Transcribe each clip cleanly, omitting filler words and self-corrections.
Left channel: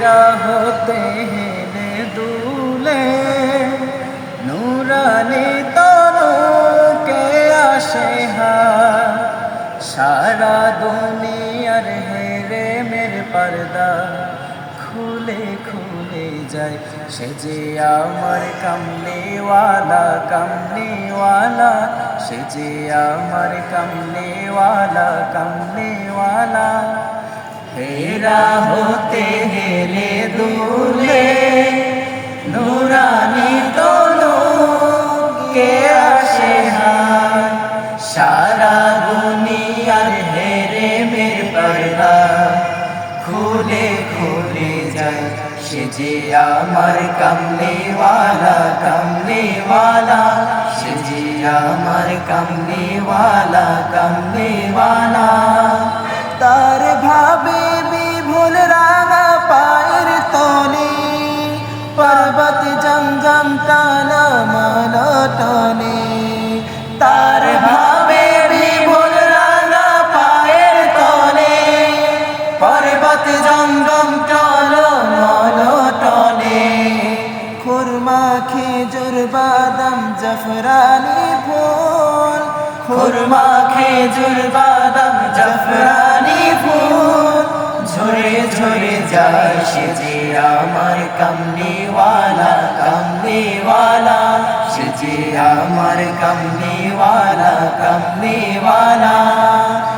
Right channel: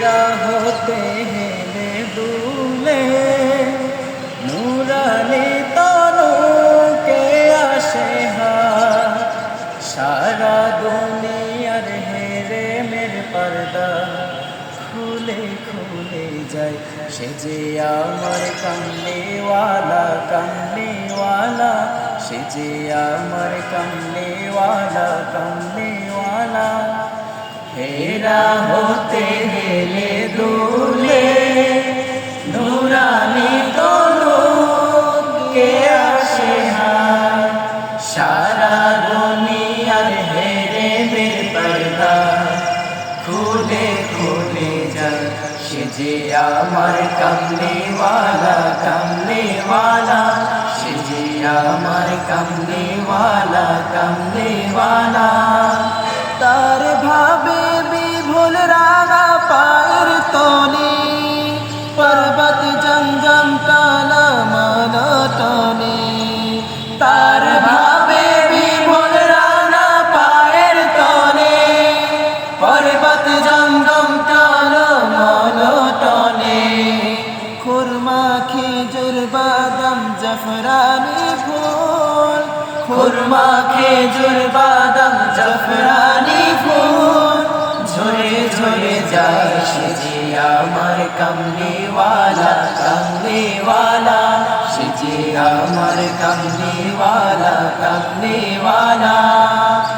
হেরা হতে হেলে দুলে নুরানি তনুকে আসে হায় সারা দুনিয়ার হেরে মের পর্দা খুলে খুলে যায় সে যে আমার কমলেওয়ালা কমলেওয়ালা সে যে আমার কমলেওয়ালা কমলেওয়ালা হেরা হতে হেলে দুলে নুরানি তনুকে আসে হায় সারা দুনিয়ার হেরে মের পর্দা খুলে খুলে যায় সে যে আমার কমলেওয়ালা কমলেওয়ালা সে যে আমার কমলেওয়ালা কমলেওয়ালা তার ভাবে বিভোল রাঙা পায়ের তলে পর্বত জমজম টানা মালা টানে তার ভাবে বিভোল রাঙা পায়ের তলে পর্বত জমজম টানা মালা টানে খুরমা খেজুর বাদাম জাফরানি ফুল খুরমা খেজুর বাদাম জাফরানি ফুল ঝরে ঝরে যায় সে যে আমার কমলেওয়ালা কমলেওয়ালা সে যে আমার কমলেওয়ালা কমলেওয়ালা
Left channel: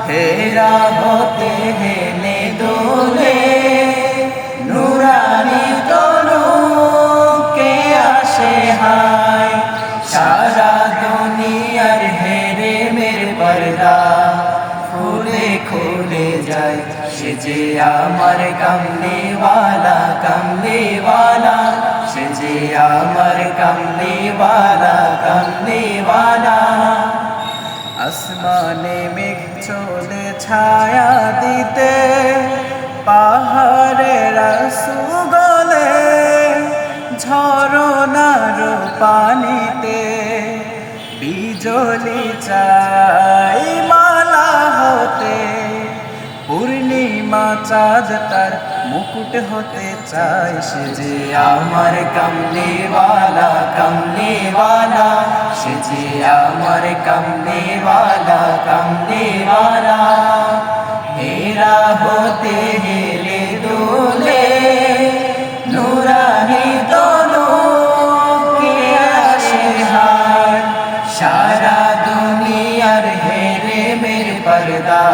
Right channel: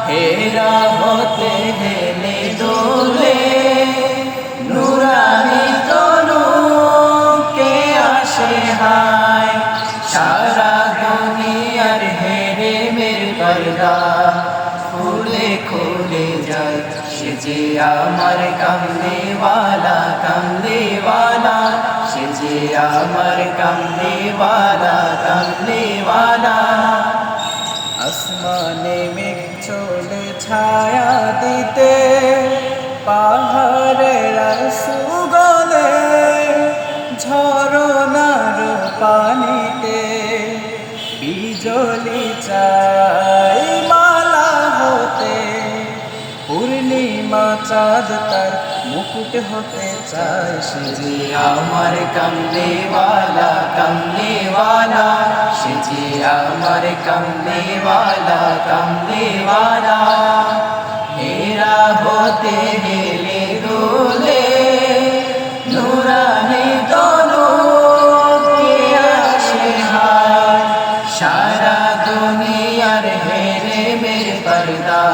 হেরা হতে হেলে দোলে নুরানি তনুকে আসে হায় সারা দুনিয়ার হেরে মের পর্দা খুলে খুলে যায় সে যে আমার কমলেওয়ালা কমলেওয়ালা সে যে আমার কমলেওয়ালা কমলেওয়ালা আসমানে মেঘ চলে ছায়া দিতে পাহাড়ের সুগলে ঝরনার পানিতে বিজলি চাই মালা হতে পূর্ণিমা চাঁদ তার মুকুট হতে চায় সে যে আমার কমলেওয়ালা কমলেওয়ালা সে যে আমার কমলেওয়ালা কমলেওয়ালা হেরা হতে হেলে দোলে নুরানি তনুকে আসে হায় সারা দুনিয়ার হেরে মের পর্দা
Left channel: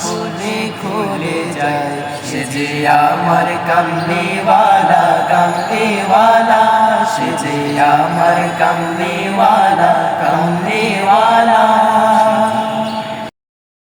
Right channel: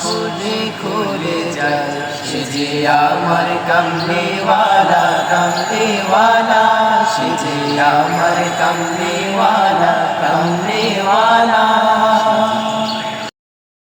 খুলে খুলে যায় সে যে আমার কমলেওয়ালা কমলেওয়ালা সে যে আমার কমলেওয়ালা কমলেওয়ালা